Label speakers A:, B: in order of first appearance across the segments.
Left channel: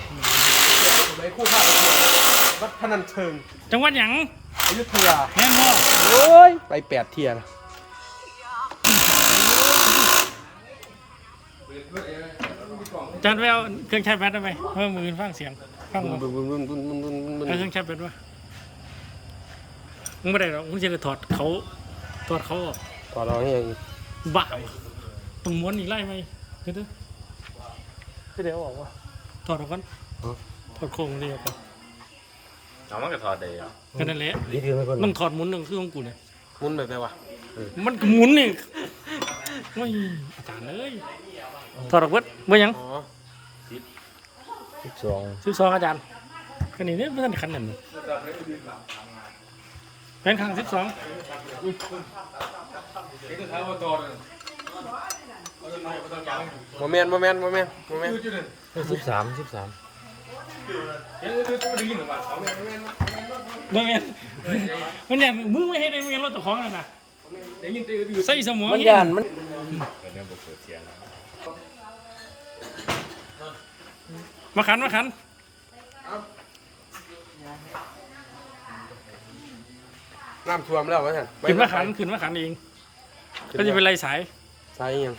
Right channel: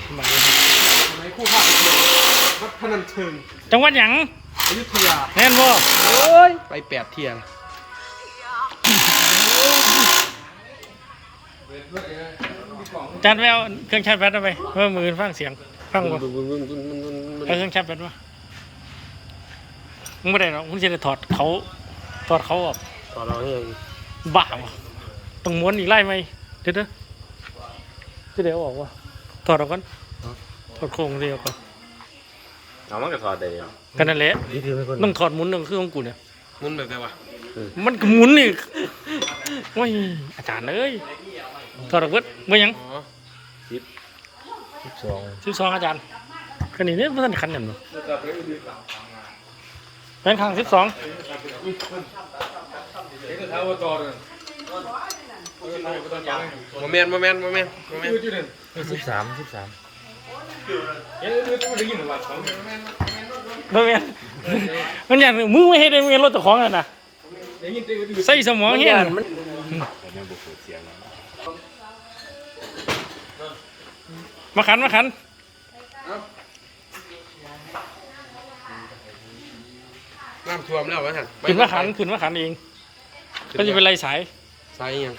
A: ทำไม
B: สมัยคู่ภาควัดพนัญเชิง
A: จังหวัดหยัง
B: อยุธยา
A: แน่นบ่
B: โอ้ยไป8 เที่ยง
A: จานแววเครื่องชาร์จแบตเอาไปมือฟังเสียงฟังบ่เอาเครื่องชาร์จแบตวะมึงไม่ได้หรอกมึงจะได้ถอดเขาออก
B: ตอนเราเนี่ย
A: บ้าวะต้องม้วนอีกไล่ไหมเดี๋ยวเดี๋ยวออกวะถอดออกก่อนถอดโครงเดียวก่อน
C: เอามันก็ถอดได้เหรอ
A: กันนั่นแหละต้องถอดหมุนหนึ่งคือของกูเนี่ย
B: มุนแบบไหนวะ
A: มันก็หมุนนี่โอ้ยอาจารย์เอ้ยถอดออกเบิดเมื่อยัง12อาจารย์คันนี้เนี่ยเพื่อนคันนั่นบ่เป็นครั้ง12
B: โมเมนต์13
A: บ่แม่นมันอย่างมึงไม่ให้ได้มึงรถตะของอ่ะนะใส่สมองเฮีย
C: แต่นั่นบ่เปิดเสียงแล้ว
A: มาขัน
B: น้ำท่วมแล้ววะท่าน
A: ขึ้นมาขันเองก็จะเป็นไรสาย
B: ใส่ยัง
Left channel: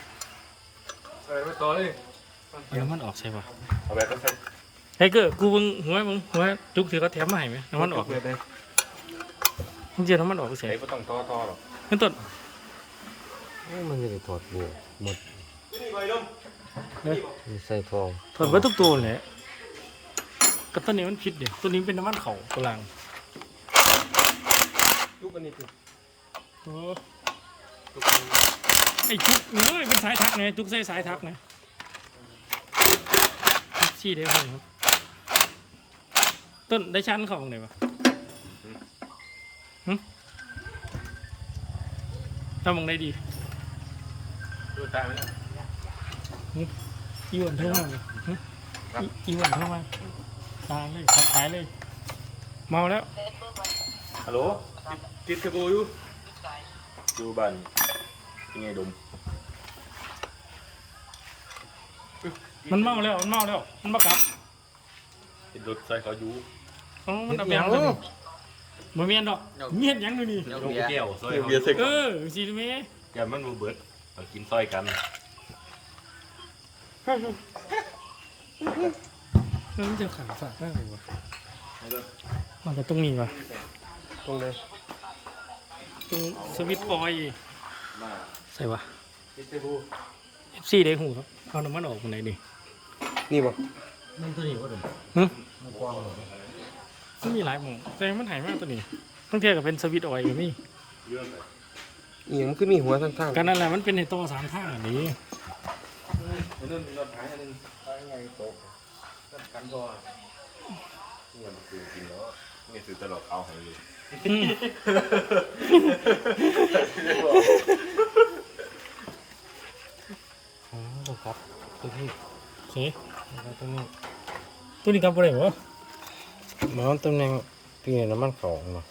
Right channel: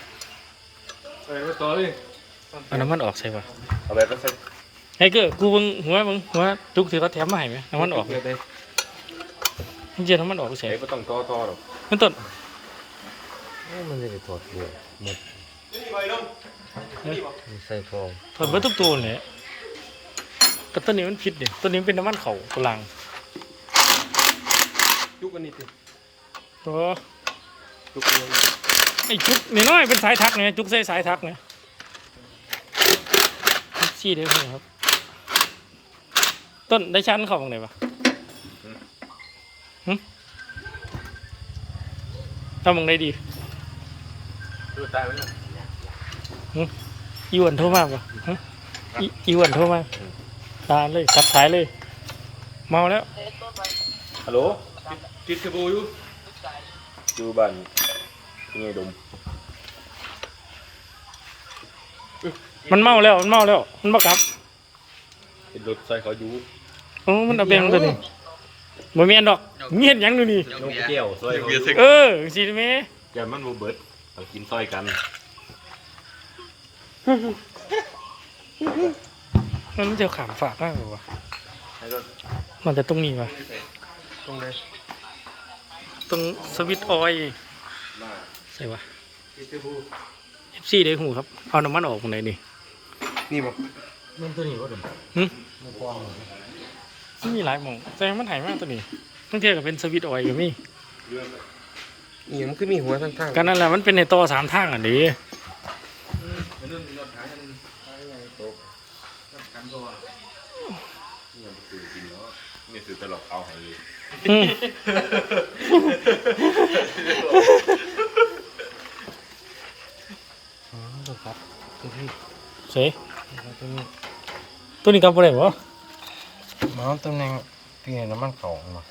A: เอาน้ำมันออกใช่ปะ
C: เอาไปก็ใส่
A: ไอ้เก้อกูเบิ่งหัวจุกที่เขาแถมมาให้ไหมน้ำมันออกจริงๆน้ำมันออกเสีย
C: เด็กก็ต้องต่อหรอก
A: มันต้น
D: มันจะได้ถอดเรือหมดใส่ฟอง
A: ถอดไว้ทุกตัวเลยก็ต้นนี้มันผิดดิต้นนี้มันเป็นน้ำมันเข่าตัวลัง
B: ยุกอันนี้ติ
A: โอ้ไอ้จุกนี่น้อยเป็นสายทักไงจุกใส่สายทักไงชี้ได้หัวครับต้นได้ชั้นเข้าตรงไหนปะทำตรงไหนดีอีวันโทรมาปะอีวันโทรมาตาเลยขับสายเลยเมาแล้ว
C: ฮัลโหลติดกระบูอยู่บ้านนี่ดม
A: มันเมาแล้วมันบักครับ
C: เป็นรถใส่เขาอยู่
A: โอ้มันเอาเบงตัวนี้บ่มีอันดอกมีเห็นยังดูนี่
C: ลงแก้วซอยเบียร์เซ็ก
A: สิแม่
C: อย่ามันบ่เบิดต้องกินซอยกัน
A: มันจะขามฝากมากกว่ามันจะตรงนี้วะ
B: ตรงเลย
A: ตรงสวิตช์ออยล์ใส่วะ
B: ติดกระบู
A: FC ได้หูครับเอาน้ำมันออกตรงไหนดิ
B: นี่มั้ง
D: นั่นตัวนี้ว่าดุ
A: มันมีหลายหม่องแต่มันหายมากตัวนี้ต้องเทียบกับเป็นสวิตช์ออยล์กับมี่
B: นี่มันคือมีหัวข้างๆ
A: กันนั่นแหละมันเป็นในต่อ3ทางอ่ะดิ
C: นี่คือตลกเอาให้เลย
A: อืม
D: อ๋อครับตัวพี่
A: เสย
D: ตัวนี้
A: ตัวนี้กลับบ่ได้บ่
D: มันตำแหน่งที่น้ำมันเก่ามา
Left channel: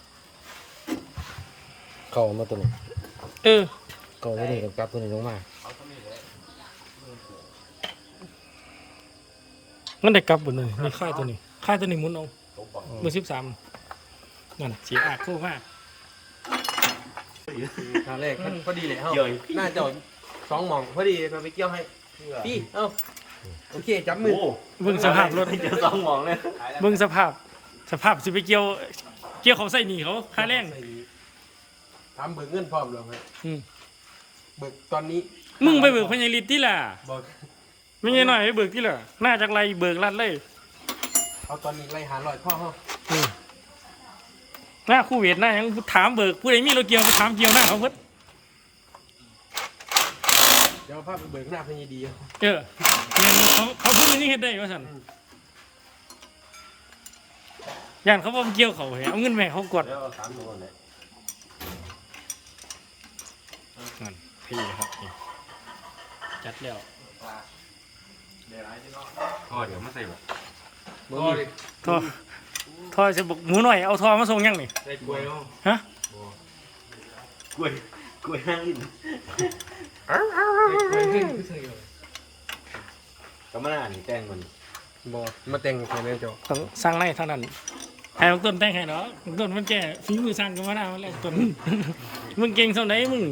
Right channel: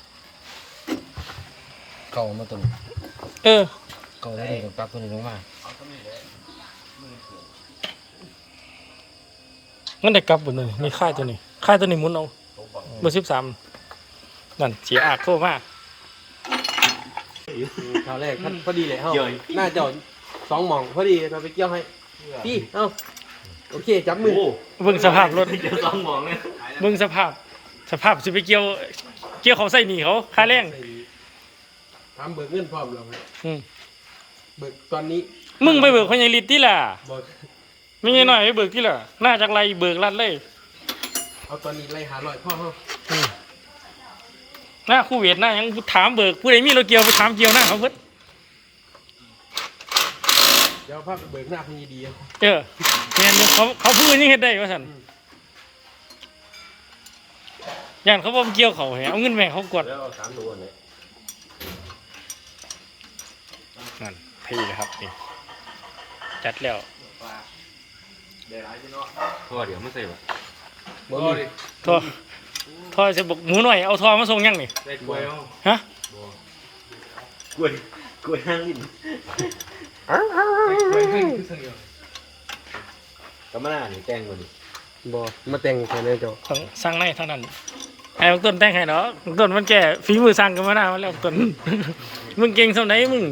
D: เก่ามาตัวนึง
A: เออ
D: เก่าตัวนี้กับตัวนี้ลงมา
A: งั้นได้กลับบ่เลยนี่ค่ายตัวนี้ค่ายตัวนี้หมุนเอาเบอร์13นั่นเสียอากโทรมา
B: คราวแรกท่านพอดีเลยเฮ้าน่าจะ2 หม่องพอดีเราไปเกี่ยวให้พี่เอ้าโอเคจับมือ
A: เบิ่งสภาพรถ
C: เดี๋ยวต้องมองเลย
A: เบิ่งสภาพสิไปเกี่ยวเขาใส่หนีเขาค่าแรง
B: ทำเบิกเงินพร้อมเลย
A: อืม
B: เบิกตอนนี้
A: มึงไปเบิกพญาลิตที่ล่ะ
B: บอก
A: ไม่ใช่น้อยไปเบิกที่ล่ะน่าจากไรเบิกรัดเลย
B: เอาตอนนี้ไล่หาลอยพ่อเฮา
A: อืมหน้าคู่เวทหน้ายังถามเบิกผู้ใดมีรถเกี่ยวไปถามเกี่ยวหน้าเขาเพิ่น
B: เดี๋ยวพาไปเบิกหน้าพญดี
A: เออเนี่ยเขาพูดนี่เฮ็ดได้ว่าซั่นย่านเขาบ่เกี่ยวเขาให้เอาเงินแม่เขากด
C: แล้วเอา3ตัวเนี่ย
A: นั่นพี่นะครับนี่จัดแล้ว
C: พ่อเดี๋ยวมาใส่บ่
A: ทอจะบอกหมูหน่อยเอาทอมาส่งยังนี่
C: ใส่กล้วยเอา
A: ฮะ
C: กล้วยห้างลิ้นก็มาหน้านี่แต่งก่อน
B: บ่มาแต่งแค่นี้เจ้า
A: ต้องสร้างในเท่านั้นให้บักต้นแต่งให้เนาะบักต้นมันแก่ฝีมือสร้างกันมาได้มาแล้วบักต้น มึงเก่งเท่าไหนมึง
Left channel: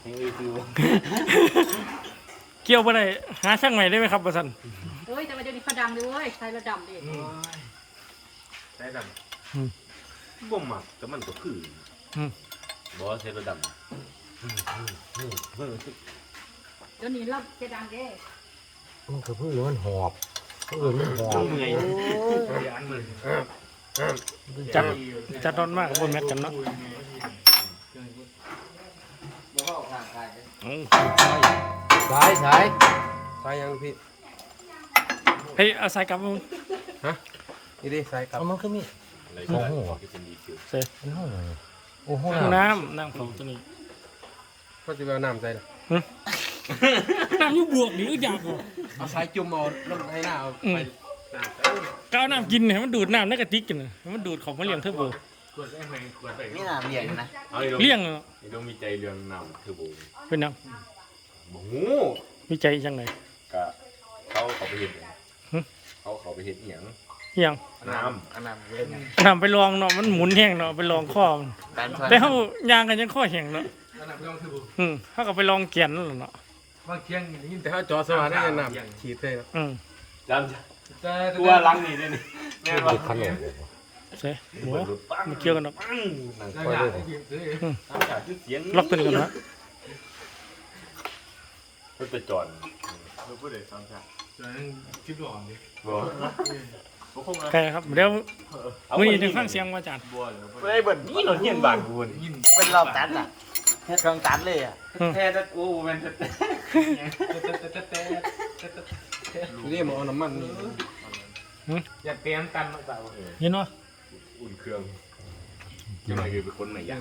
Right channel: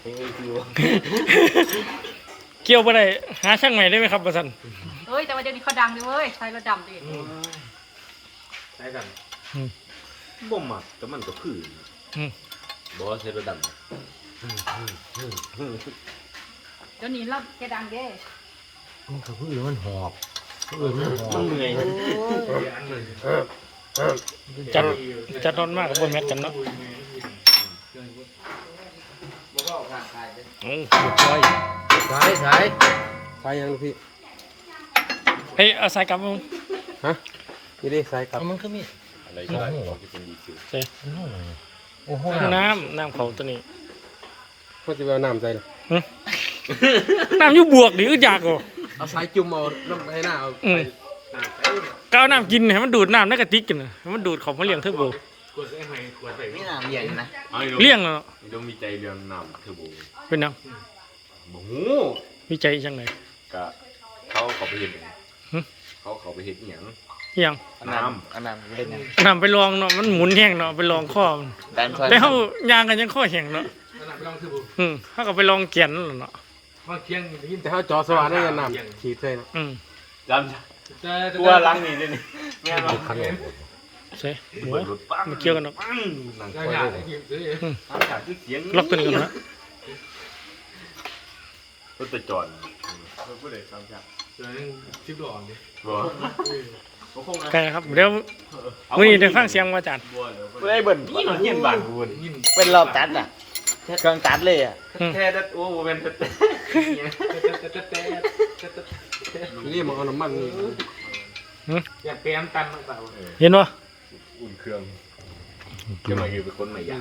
A: เกี่ยวไปได้หาช่างใหม่ได้ไหมครับประสัน
E: เอ้ยแต่ว่าเดี๋ยวนี้เขาดังดิเว้ยใช้รถดำดิ
C: ใช่กันบ่มักแต่มันก็คือบ่เทระดับ
E: เดี๋ยวนี้เราจะดังเด้
D: มันก็เพิ่งรู้มันหอบหอบ
C: เมื่อย
A: จัดนอนมากกับบนแมทกันเนาะโอ้ยอย
B: สายยังพี่
A: เฮ้ยเอาสายกลับมึง
B: นี่ดิสายครับ
D: เอามันก็มี
C: อะไรก็ได้ที่เป็นดีคิว
A: เซ่
D: โอ้โห
A: น้ำเขาตัวนี้
B: เขาจะเอาน้ำใส่
A: น้ำอยุบบวกดิอึดอยากอ่ะ
B: เอาสายจุ่มเอาน้ำให้หน้าเอา
A: ก็เอาน้ำกินให้มันดูดน้ำในกระติกกันนะให้มันดูดของมาเลี้ยงเทอร์โบ
F: นี่น่ะเรียนนะ
A: เลี้ยงเนาะ
C: ต้องมีใจเรื่องนำเทอร์โบ
A: เป็นยัง
C: บ่
A: มีใจจังไหน
C: กะเขาไปเห็นเขาไปเห็นอย่าง
A: ยัง
C: น้
F: อันนั้นเรียน
A: น้ำไปลองเนาะมันหมุนแห้งเนาะไปลองข้อมัน
F: ดันซอย
A: แต่เขายางกันยังข้อแห้งเนาะ
B: น้ำไปลองคือบุ
A: เขาก็ไปลองเกียนนั่นแหละเนาะ
B: ห้องเคียงยินแต่เขาจอสว่างได้กันน้ำขีดใส่เนาะ
C: ำจำตัวลังนี่นี่แม่นว่า
A: เซ่หมู
C: รถปั้ง
A: มันเกี่ยวกันเนาะ
C: นั่ง
B: ยากๆที่ซื้อ
C: จากที่เสียง
A: ล็อกตัวนี้กันนะ
C: รถไปจอดผู้ใดฟังจ้ะ
B: คลิปหล่อดิ
C: บ่
A: ใช่ครับเดี๋ยวมื้อนี้ได้ฟังเสียงมาอาจารย์
C: ผู้ใดเบิ่นนี่เฮียนบ้านกูนี่
F: เป็นรอบตัดอ่ะเครื่องตัดเลยอ่ะ
C: แท้โอ้เป็น
B: นี่มันเอาน้ำมันนี่
A: อย่าเปลี่ยนกันเปล่า
C: เออ
A: เห็นบ่
C: อุ่นเครื่องเกี่ยวกับเป็นคนใหม่ยัง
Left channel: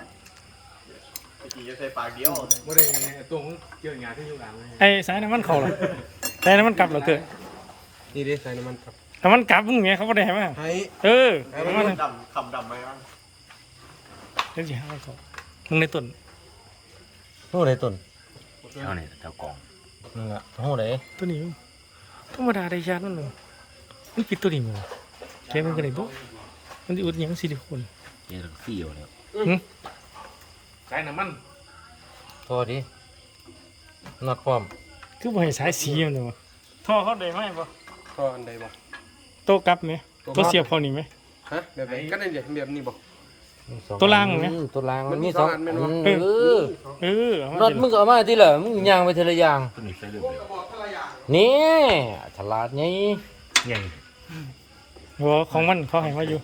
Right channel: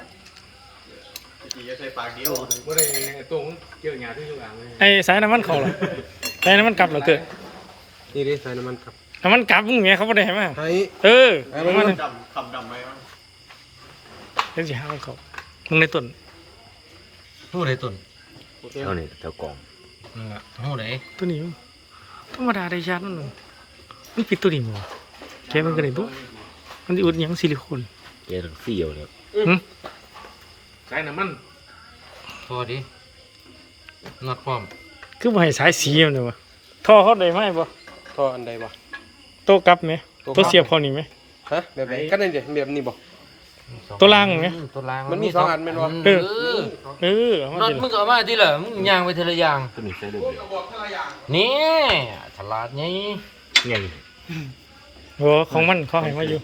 C: กี่จะใส่ปากเดียว
B: บ่ได้ตรงเกี่ยวหญ้าที่ข้างหลังเลย
A: ไอ้สายน้ำมันเข้าล่ะสายน้ำมันกลับเหรอเกิด
B: นี่ดิใส่น้ำมันครับ
A: น้ำมันกลับมึงแม่เขาบ่ได้ให้มา
B: ใส่
A: ประมาณนึง
C: คำดำไหมครับ
A: เดี๋ยวสิหาเขามึงในต้น
D: หูไหนต้น
C: เอานี่เจ้ากอง
D: นี่ละหูไหน
A: ตัวนี้มันธรรมดาได้ชาติมันหนึ่งมันปิดตัวนี้บ่วะแกมันก็ได้บ่มันสิอุดหยังซิลิโคน
C: เจ๊ทั้งสี่เลย
B: ใส่น้ำมัน
D: พอดีนัดพร้อม
A: คือบ่ให้สายสีมันเลยวะท่อเขาได้ไหมบ่
B: ก็อันใดบ่
A: โต๊ะกลับไหมโต๊ะเสียบเขานี่ไหม
B: ฮะแบบไหนก็ได้เดี๋ยวแบบนี้บ่
A: ตัวล่างไหม
D: ตัวล่าง
B: มันมีสองอันแม่นบ่
A: เออเอามา
D: น็อต
A: สิ
D: มึงก็เอามาที่เหรอมึงย่างไปทีละอย่าง
C: ก็มีใส่ลูก
D: นี่ฉลาดไง
C: ไง
A: โอ้ของมันเขาให้มาอยู่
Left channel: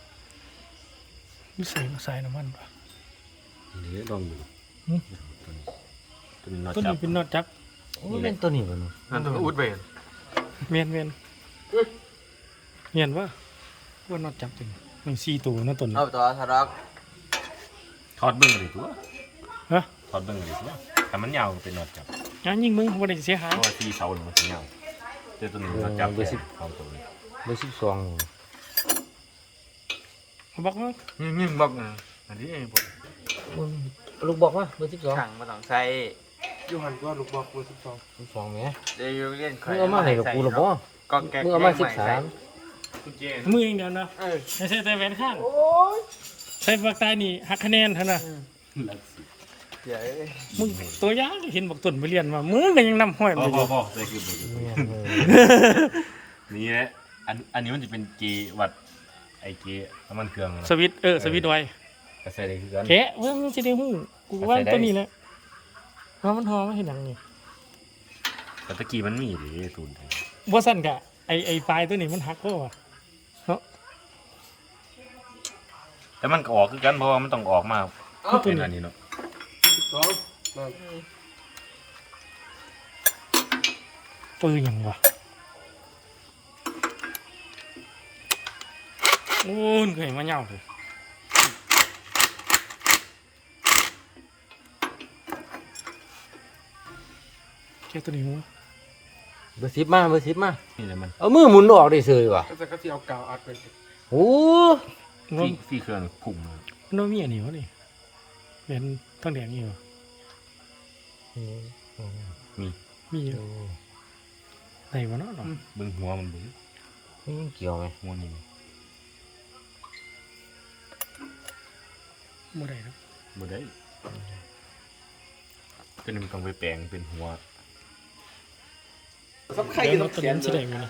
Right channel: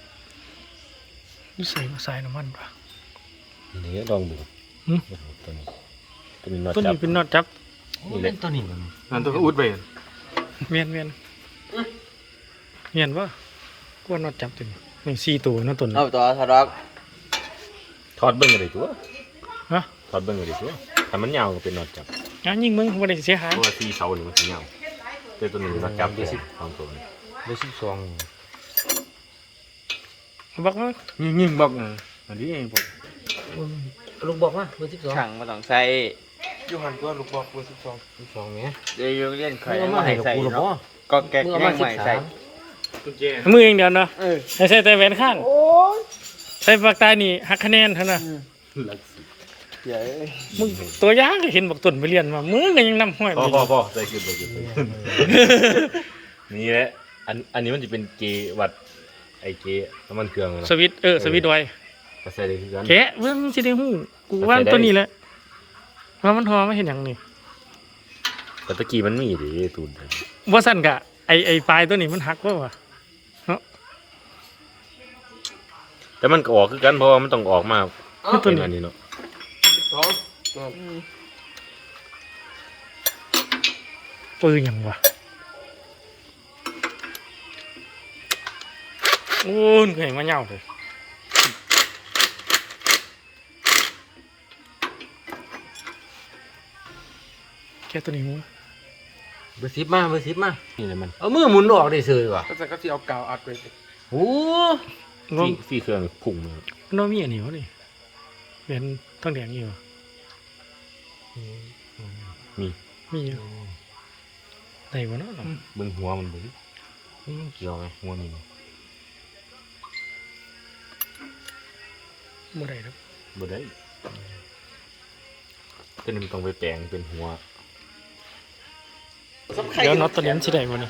A: นี่ใส่มาใส่น้ำมันป่ะ
C: นี่ลองดู
A: ตัวนี้เป็นน็อตจับ
D: เล่นตัวนี้มัน
B: มันต้องอุดไป
A: เมียนวะกว่าน็อตจับตัวนี้นี่4ตัวน็อตตัวนี้
F: เอาตัวทะเลาะ
C: ทอดเบิ้งอะไรตัว
A: ฮะ
C: ทอดเบิ้งอะไรตัวถ้ามันยาวเป็นนอดจับ
A: งานยิงมึงบ่ได้เสียหาย
C: ตัวสี่เสาหนึ่งมันยาวแต่ตัวหนึ่งนอดจับเดียวสองตัว
D: ดูสิสอง
A: บอกว่า
B: ยิงบอกนะอันนี้เองผม
D: ลูกบอกว่าเบอร์12
F: ขังมาต้องใส่
B: ยูหันก็ลูกบอกมือ
D: 12
B: 12
D: ไง
F: เดี๋ยวเรียนใคร
D: มึงเอา
F: มา
D: มา
F: ให้
D: ให้กับ
F: ใส่
D: กูหรอบ่
F: เนาะก็แก๊ก
D: มึงเอา
F: แม่
D: มาง
F: ใหม่ใส่
B: กุญแจ
A: มือเองเดียวเนาะให้ใส่แต่แหวนข้างใส่ปากตายนี่หักคะแนนเท่านั้น
C: ลักสิ
F: เดี๋ยว
A: มึงตัวอยางก็เห็นบอกต้นไปเรียนมามึงก็ยังนำห้อย
C: พ่
A: มันอยู่
C: อใส่ขึ้นไปนี่แหละอันนี้มันจะเป็นเกวัดไอเกน้ำมันเครื่อง
A: สวิตช์สวิตช์ไว้
C: ก็ใส่ได้คือกัน
A: แกะเบิ่งสิได้ฮู้กูว่าตัวนี้แหละว่ามันหอมาเห็นหยังนี่
C: แต่ตะกี้มันมีดิตูน
A: บ่ซั่นกะไอ้ปลายตัวนี้มันหักว่าวะ
C: แต่มันก็ออกคือกันเพราะว่ามันต้องออกมา
A: คือตัว
C: เป็น
A: นี้
C: อันนี้เนาะ
B: สอง
A: ปืนหยังวะโอ้ยเคยมาเหย้าเลยแกะตัวนี้มั้ง
D: เบอร์10มาเบอร์10มา
C: นี่เลยมัน
D: เอามือหมุนออกได้ซื่อว่ะ
B: ก็จะก็ที่เอากาวอัดไป
D: โอ้
A: รวม
C: สี่เครื่องพุ่ง
A: มันบ่มีอันนี้วะนี่เป็นทองแดงอยู่วะ
C: มี
A: มีอยู่ได้บ่เนาะ
C: เบิ้งหัวมันเบิ้งเกี่ยวไงหัวนี่
A: บ่ได้ครับ
C: บ่ได้ตัวนี้มันต้องไปแปลงเป็นหัว
A: เดี๋ยวน็อตตัวนี้มันสิได้บ่นี่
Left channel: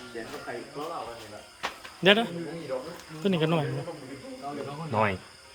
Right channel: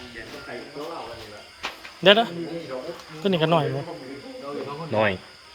A: เดี๋ยวนะตัวนี้ก็น้อยบ่
C: น้อย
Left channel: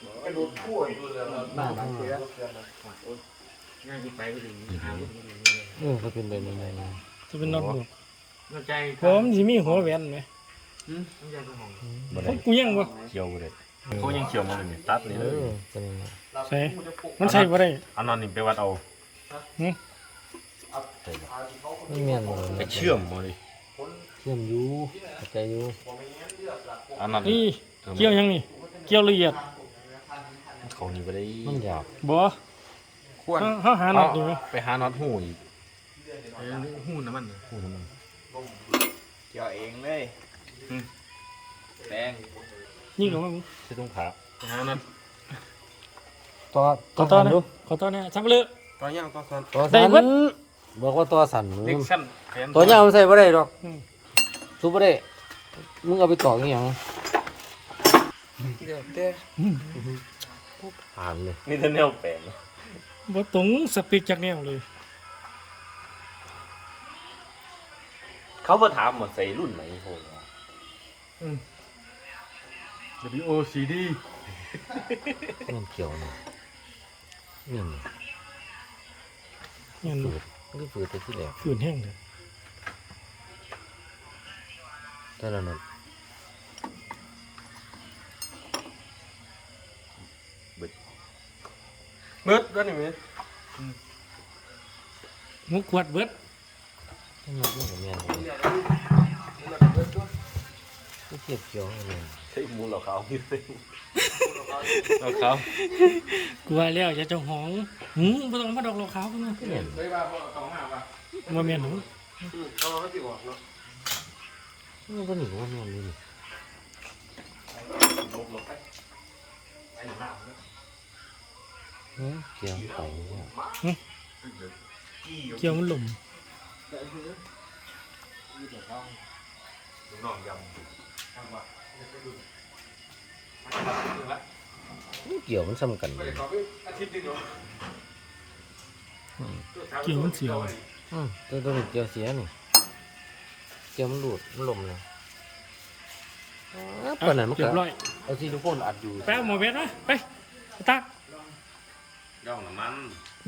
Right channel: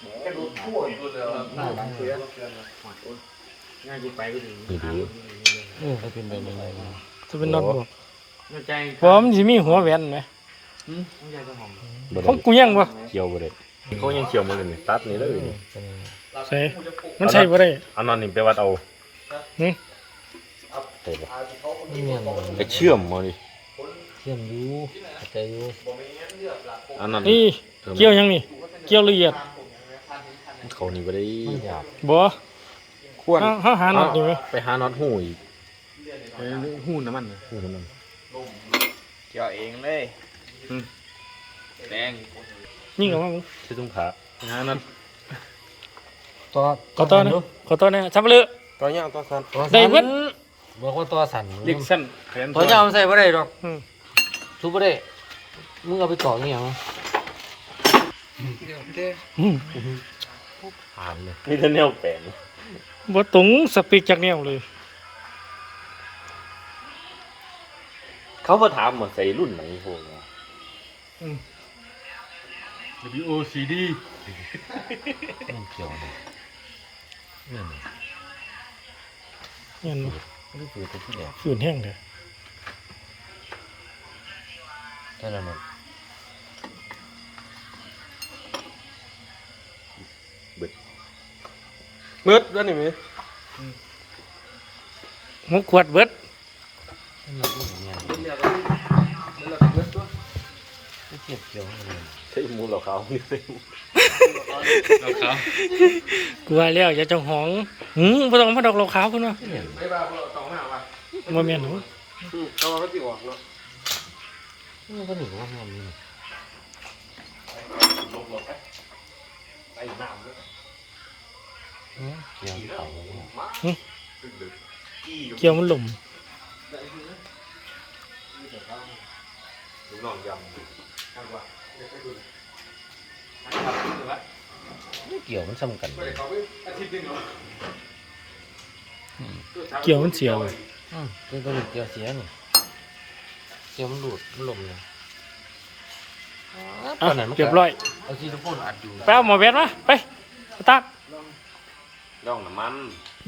B: ง่ายกูไปก็ถึง
C: นี่ดู
D: ก็เป็นแบบนั้นเลย
A: จะเป็นน็อตบวก
B: เข้าใจ
A: เพราะว่ามันสิมีหัวแหวนไหม
B: เข้าใจตัวหอม
C: บ่
A: ของ
C: ได้
A: กูยังบ่
C: เกี่ยวบ่ได้เขายังเกี่ยวไม่ได้นี่ตัดนี่เลย
A: ใช่มันใช่บ่ได้
C: เอานอนนี่ไปวัดเอา
A: หึ
C: ใช่ปะ
D: ไม่เงี้ยมัน
C: ไปเชื่อมมาดิ
D: เชื่อมอยู่เข้าใจอยู่
C: อันนั้น
A: นี่เกี่ยวยังนี่เกี่ยวละเอียด
C: เขานี่บ่ได้
D: มันอยาก
A: บ่
C: ควร
A: เฮาหาน็อตนี่ไหม
C: ไปหาน็อตหูอีก
B: หูน้ำมัน
C: หูน้ำมัน
F: เกี่ยวเองเลยแดง
A: ยิงออกมามึง
C: ที่ตรงขา
B: หาน้
D: ตัว
A: ขอต่อนะขอต่อนะซับเลือ
B: ำตัวเนี้ยตัวสั้น
A: ได้เบิด
D: บอกว่าตัวสั่น
B: เล็กสั้นแขน
D: ตัวเนี้ยมันใส่บ่ได้ดอก
A: อืม
D: สูบบ่ได้มึงเอาไปต่ออีหยัง
A: อืม
C: อ่านเลยนี่ท่านแนวแปลง
A: บ่ตรงสเปคจากแนวเลย
C: เขาก็ถามมาใส่รุ่นไหนพวกนี้
B: WOCD
C: มันเกี่ยวนะนี่
A: งั้น
C: นี่คือตัวที่แหลก
A: ฝืนแห้งเด้อ
C: เท่านั้นนะ
B: มืดด้วยนี่ไหม
A: หกขวดเบิด
D: เก็บเกี่ยว
C: ใช่มูลเขาอยู่สิ
B: เอาเขา
A: กูว่าแล้วอย่าเจ้าของบ่ต้องมาดอกเหล้าขาวพุ่นว่า
B: ไม่บ้าเอาสองหน้าป่ะ
A: บ่แม่นหรอก
B: เอาก็ติดออกแล้ว
D: มันก็หนีว่าแม่นนี่เกี่ยวไป
A: เกี่ยวมันหล่ม
D: เกี่ยวมันซ้ำกัน
A: เกี่ยวมันเสียบ่
D: ตัวนี้เกี่ยวเสียนี่เกี่ยวมันหลุดมันลมเลย
A: อ่ะเรียบร้อย
D: เอาซิลิโคนอัดอยู่
A: ไปเอาหมอแบนมาไปตัก
C: ร่องน้ำมัน